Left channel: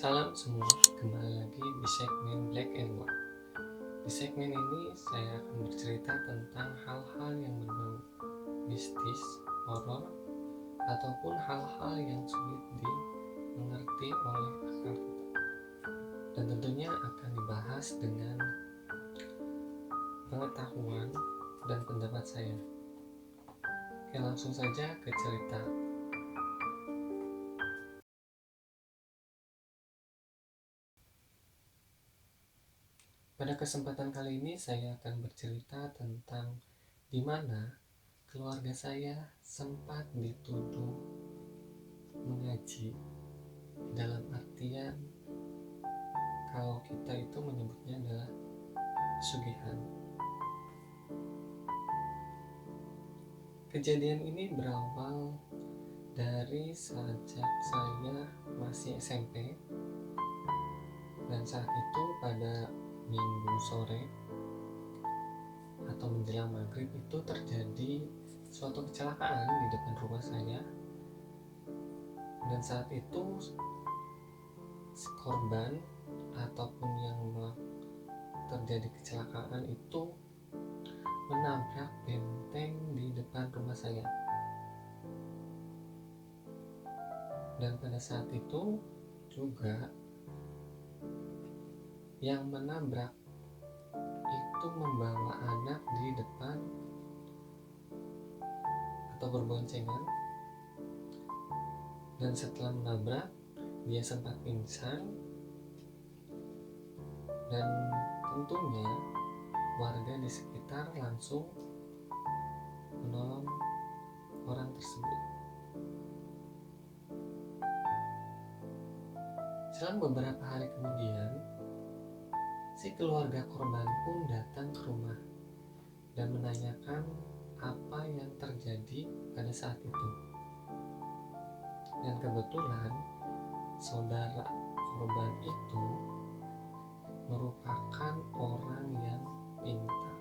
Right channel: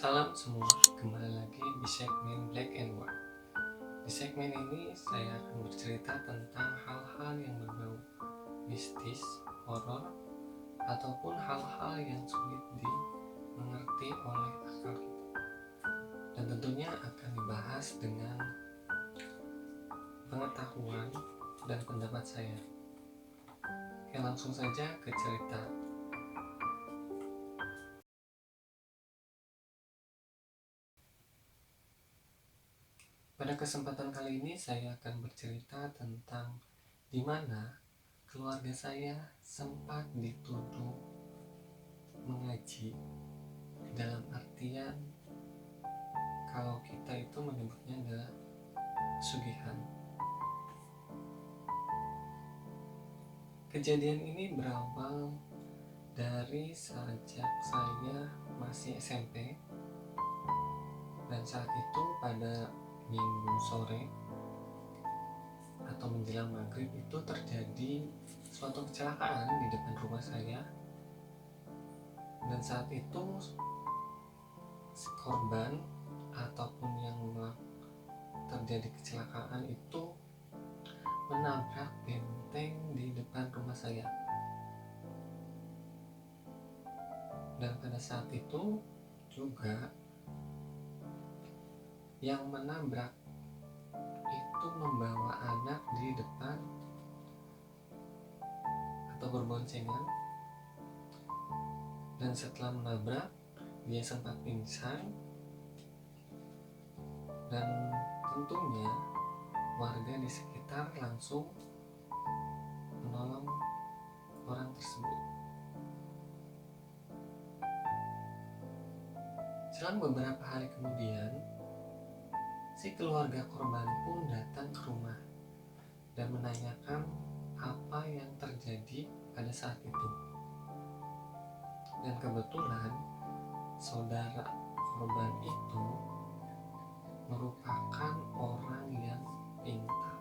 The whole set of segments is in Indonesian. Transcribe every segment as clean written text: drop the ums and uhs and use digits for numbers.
Salam semua, kembali lagi di segmen Black and White. Di segmen ini saya akan bercerita tentang hal-hal yang berbau mistis, horor, ataupun hal-hal yang sulit dimengerti oleh akal kita. Dan tentunya akan dibahas dengan pengetahuan dan pendapat saya. Oke, langsung saja ke cerita. Pada kesempatan kali ini saya akan bercerita tentang di mana keluarga saya sempat dituduh mengaji, dalam artian kalau kita itu menyebutnya adalah pesugihan. Kejadian ini berawal dari sejak saya masih SMP, dan saat itu pada minggu sore atau menjelang maghrib itu terjadi suatu kecelakaan di depan rumah saya, dan saat itu korban ataupun yang terjadi kecelakaan itu menabrak benteng di depan rumah saya. Dan pada saat itu juga yang menabrak itu membawa anak di depan atau berboncengan, dan setelah menabrak dia sempat pingsan, dan tentunya warga di sekitar langsung menolong orang tersebut. Selang beberapa hari kemudian, si keluarga korban pun datang ke rumah dan menanyakan apa yang terjadi pada saat itu. Dan kebetulan saudara korban itu merupakan orang yang pintar.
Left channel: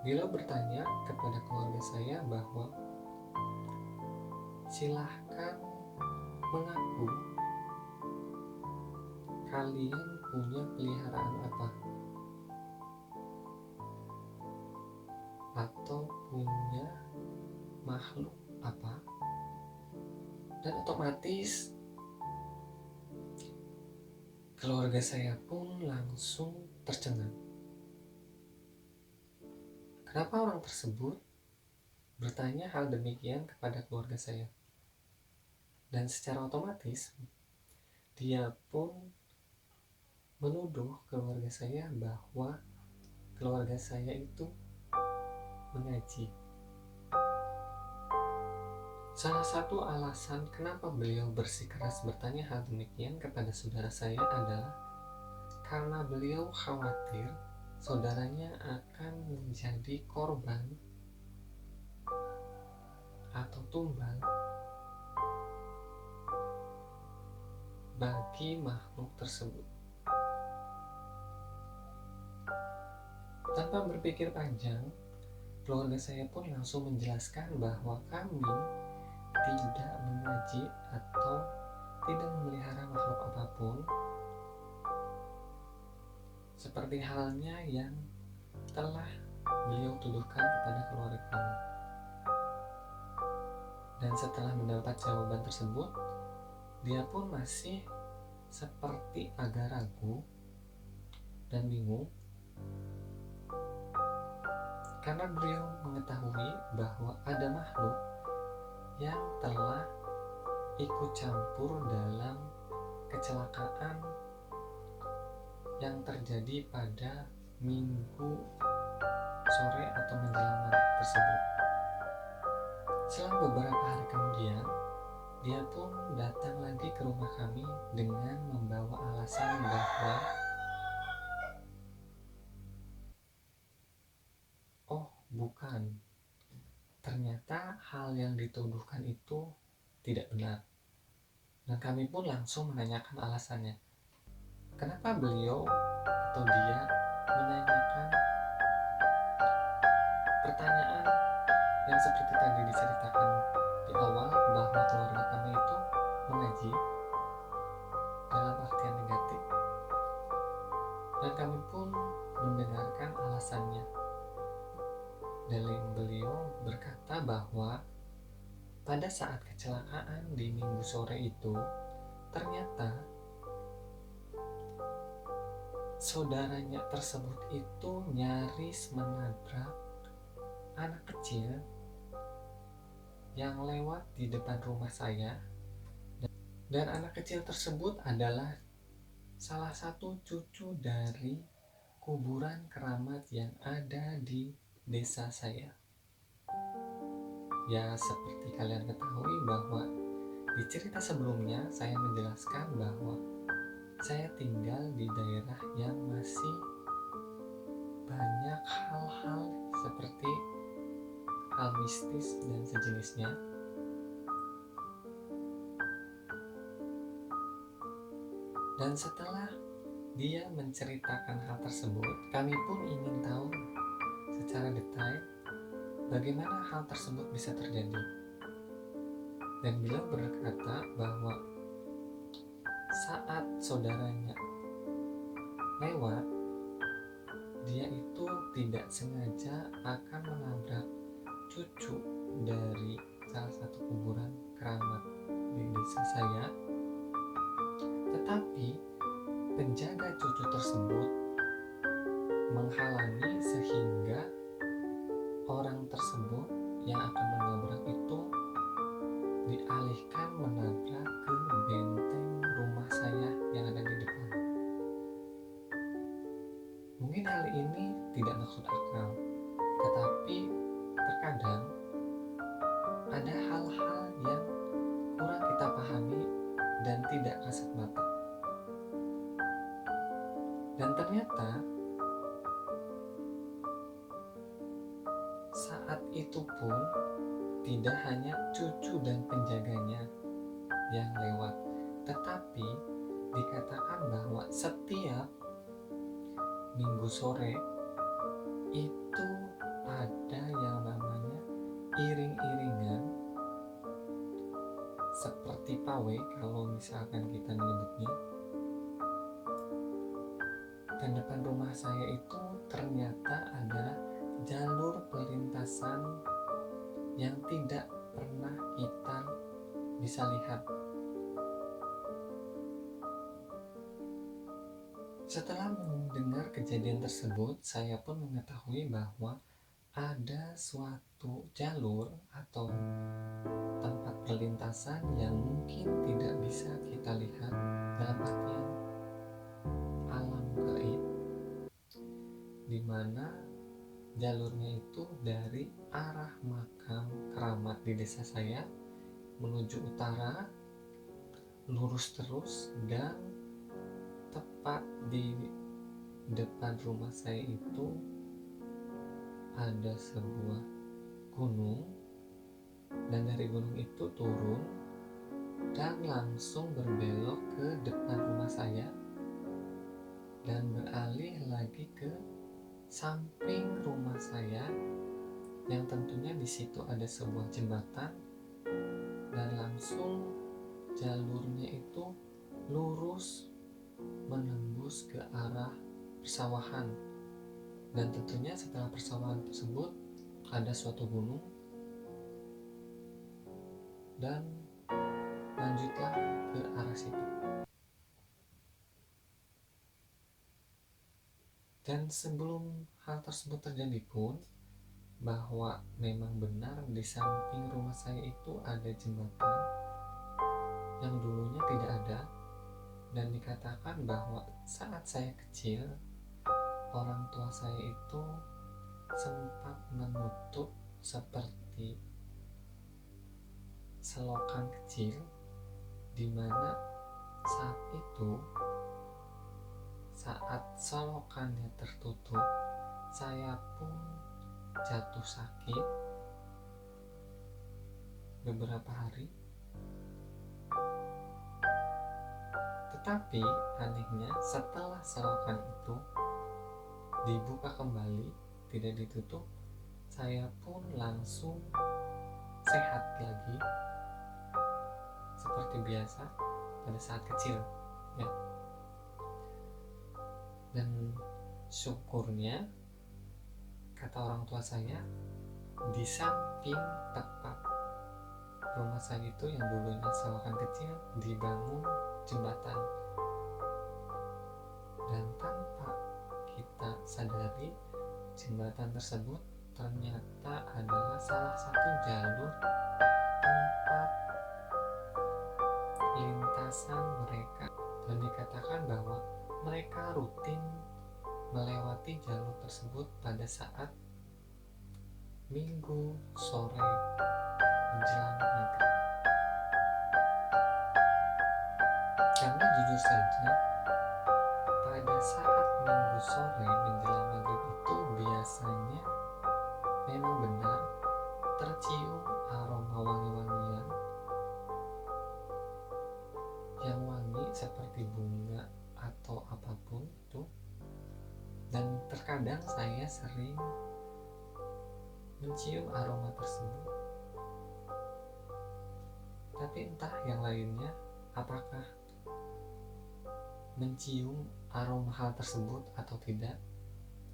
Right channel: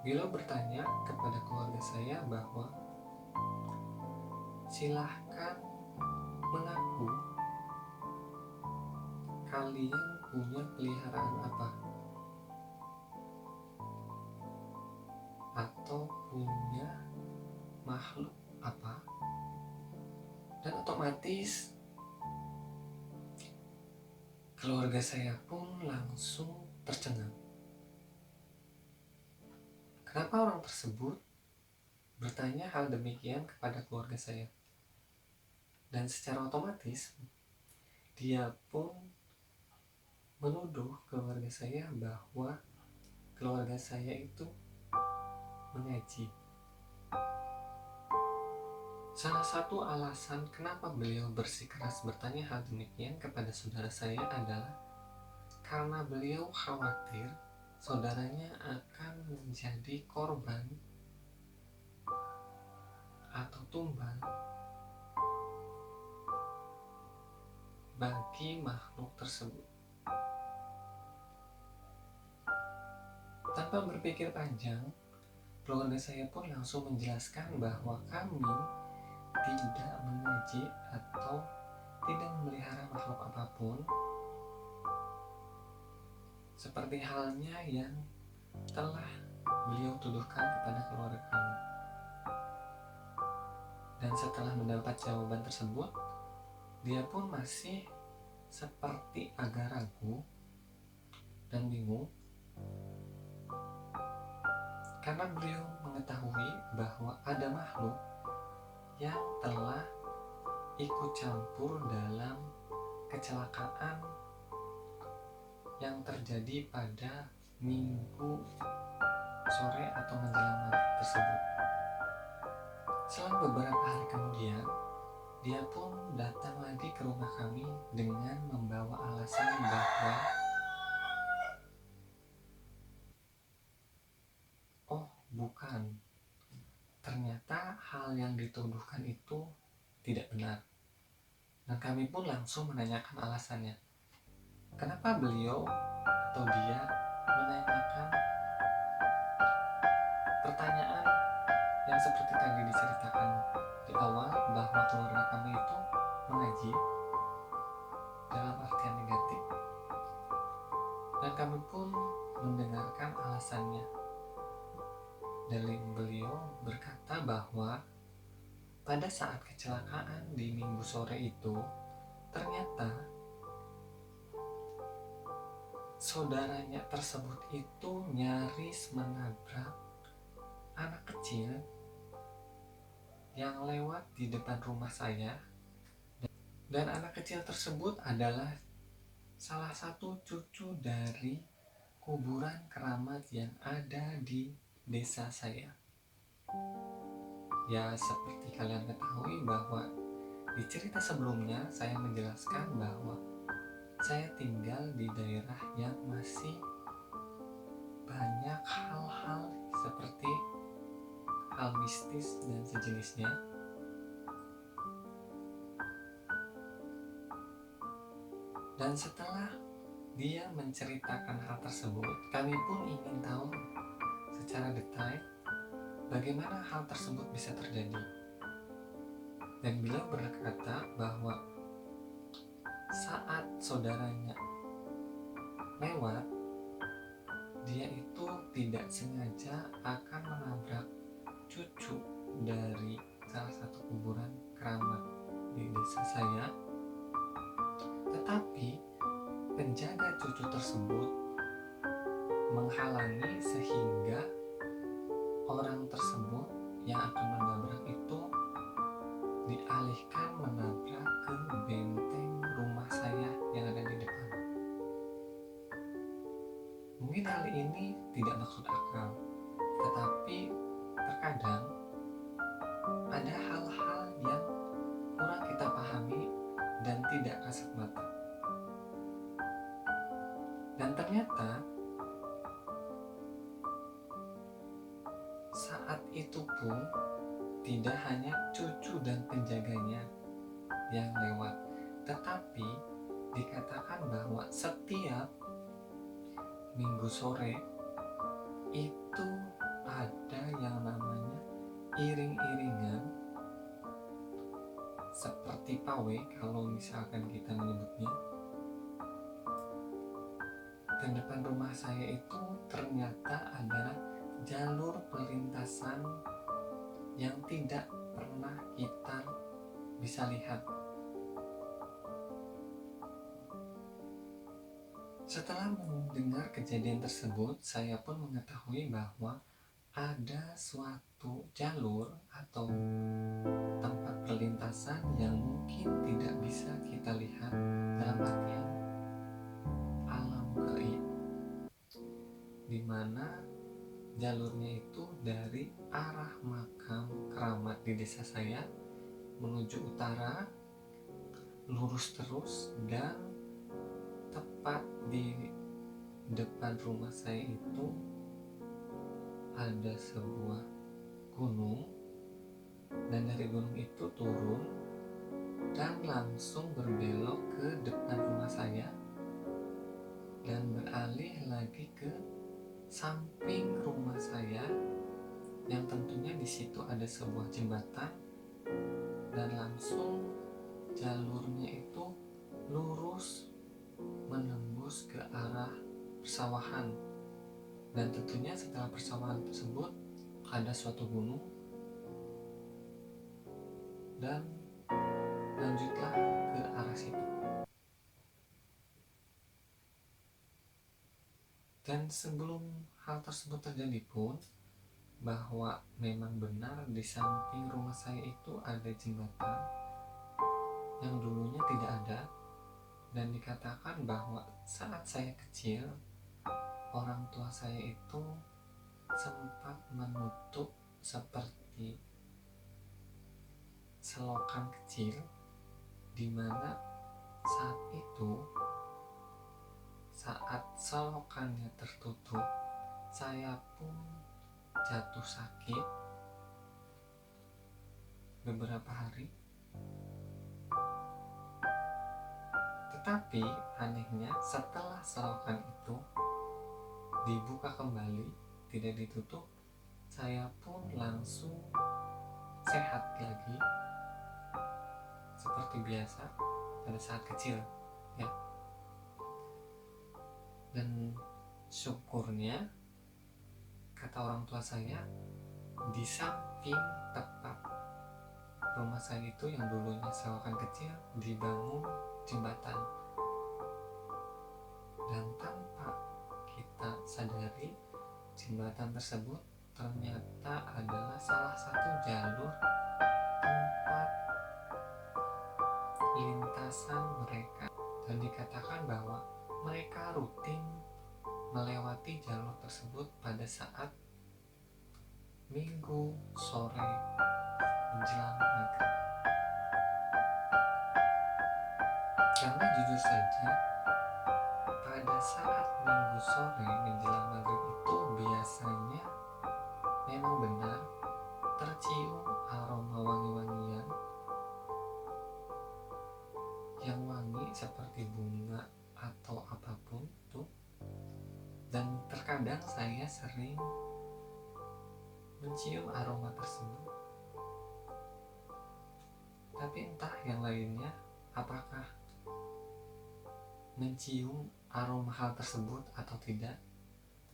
Beliau bertanya kepada keluarga saya bahwa silahkan mengaku kalian punya peliharaan apa atau punya makhluk apa, dan otomatis keluarga saya pun langsung tercengang. Kenapa orang tersebut bertanya hal demikian kepada keluarga saya? Dan secara otomatis dia pun menuduh keluarga saya bahwa keluarga saya itu mengaji. Salah satu alasan kenapa beliau bersikeras bertanya hal demikian kepada saudara saya adalah karena beliau khawatir saudaranya akan menjadi korban atau tumbal bagi makhluk tersebut. Tanpa berpikir panjang, keluarga saya pun langsung menjelaskan bahwa kami tidak mengaji atau tidak memelihara makhluk apapun, seperti halnya yang telah beliau tuduhkan kepada keluarga kami. Dan setelah mendapat jawaban tersebut, dia pun masih seperti agak ragu dan bingung, karena beliau mengetahui bahwa ada makhluk yang telah ikut campur dalam kecelakaan yang terjadi pada minggu sore atau menjelang maghrib tersebut. Selang beberapa hari kemudian, dia pun datang lagi ke rumah kami dengan membawa alasan bahwa bukan, ternyata hal yang dituduhkan itu tidak benar. Dan kami pun langsung menanyakan alasannya. Kenapa beliau atau dia menanyakan pertanyaan yang seperti tadi diceritakan di di awal bahwa keluarga kami itu mengaji dalam artian negatif, dan kami pun mendengarkan alasannya. Dalil beliau berkata bahwa pada saat kecelakaan di Minggu sore itu, ternyata saudaranya tersebut itu nyaris menabrak anak kecil yang lewat di depan rumah saya, dan anak kecil tersebut adalah salah satu cucu dari kuburan keramat yang ada di desa saya. Ya, seperti kalian ketahui bahwa di cerita sebelumnya saya menjelaskan bahwa saya tinggal di daerah yang masih banyak hal-hal seperti hal mistis dan sejenisnya. Dan setelah dia menceritakan hal tersebut, kami pun ingin tahu secara detail bagaimana hal tersebut bisa terjadi. Dan beliau berkata bahwa saat saudaranya lewat, dia itu tidak sengaja akan menabrak cucu dari salah satu kuburan keramat di desa saya. Tetapi penjaga cucu tersebut menghalangi sehingga orang tersebut yang akan menabrak itu dialihkan menabrak ke benteng rumah saya yang ada di depan. Mungkin hal ini tidak masuk akal, tetapi terkadang ada hal-hal yang kurang kita pahami dan tidak kasat mata. Dan ternyata saat itu pun tidak hanya cucu dan penjaganya yang lewat, tetapi dikatakan bahwa setiap Minggu sore itu ada yang namanya iring-iringan seperti pawai kalau misalkan kita menyebutnya. Dan depan rumah saya itu ternyata adalah jalur perlintasan yang tidak pernah kita bisa lihat. Setelah mendengar kejadian tersebut, saya pun mengetahui bahwa ada suatu jalur atau tempat perlintasan yang mungkin tidak bisa kita lihat dalam artian alam gaib, di mana jalurnya itu dari arah makam keramat di desa saya menuju utara, lurus terus, dan tepat di depan rumah saya itu ada sebuah gunung, dan dari gunung itu turun dan langsung berbelok ke depan rumah saya dan beralih lagi ke samping rumah saya, yang tentunya di situ ada sebuah jembatan, dan langsung jalurnya itu lurus menembus ke arah persawahan. Dan tentunya setelah persawahan tersebut ada suatu gunung, dan lanjutlah ke arah situ. Dan sebelum hal tersebut terjadi pun, bahwa memang benar di samping rumah saya itu ada jembatan yang dulunya tidak ada, dan dikatakan bahwa saat saya kecil, orang tua saya itu sempat menutup seperti selokan kecil, di mana saat itu, saat selokannya tertutup, saya pun jatuh sakit beberapa hari. Tetapi anehnya, setelah selokan itu dibuka kembali, tidak ditutup, saya pun langsung sehat lagi seperti biasa pada saat kecil ya. Dan syukurnya, kata orang tua saya, di samping tepat rumah saya itu yang dulunya selokan kecil dibangun jembatan. Dan tanpa kita sadari, jembatan tersebut ternyata adalah salah satu jalur tempat lintasan mereka, dan dikatakan bahwa mereka rutin melewati jalur tersebut pada saat Minggu sore menjelang maghrib. Karena jujur saja, pada saat Minggu sore menjelang maghrib itu biasanya memang benar tercium aroma wangi-wangian yang wangi seperti bunga atau apapun itu. Dan terkadang saya sering mencium aroma tersebut. Tapi entah yang lainnya apakah mencium aroma hal tersebut atau tidak,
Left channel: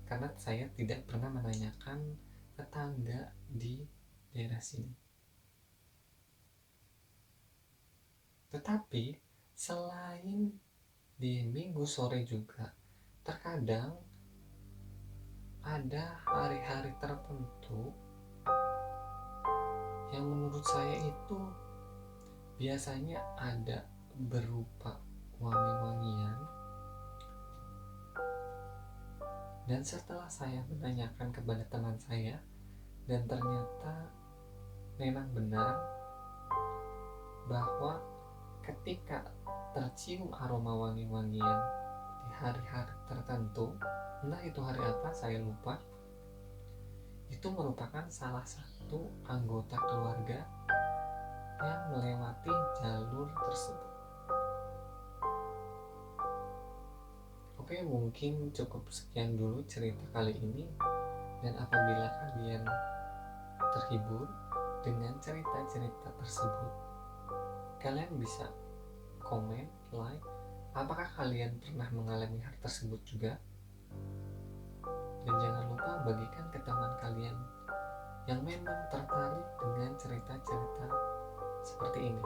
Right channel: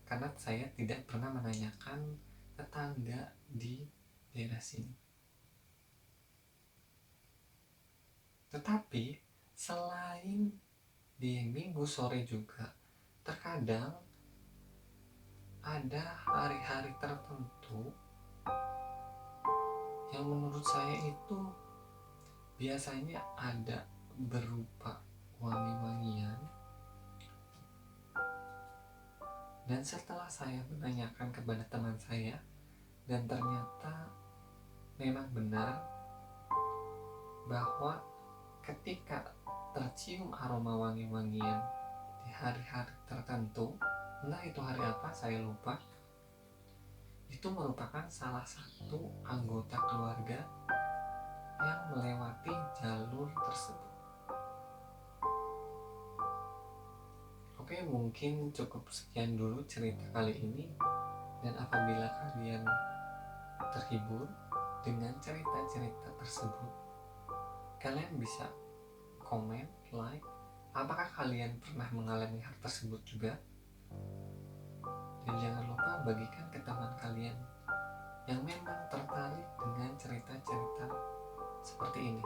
karena saya tidak pernah menanyakan tetangga di daerah sini. Tetapi selain di Minggu sore juga, terkadang ada hari-hari tertentu yang menurut saya itu biasanya ada berupa wangi-wangian. Dan setelah saya menanyakan kepada teman saya, dan ternyata memang benar bahwa ketika tercium aroma wangi-wangian di hari-hari tertentu, entah itu hari apa saya lupa, itu merupakan salah satu anggota keluarga yang melewati jalur tersebut. Oke, mungkin cukup sekian dulu cerita kali ini. Dan apabila kalian terhibur dengan cerita-cerita tersebut, kalian bisa komen, like. Apakah kalian pernah mengalami hal tersebut juga? Dan jangan lupa bagikan ke teman kalian yang memang tertarik dengan cerita-cerita seperti ini.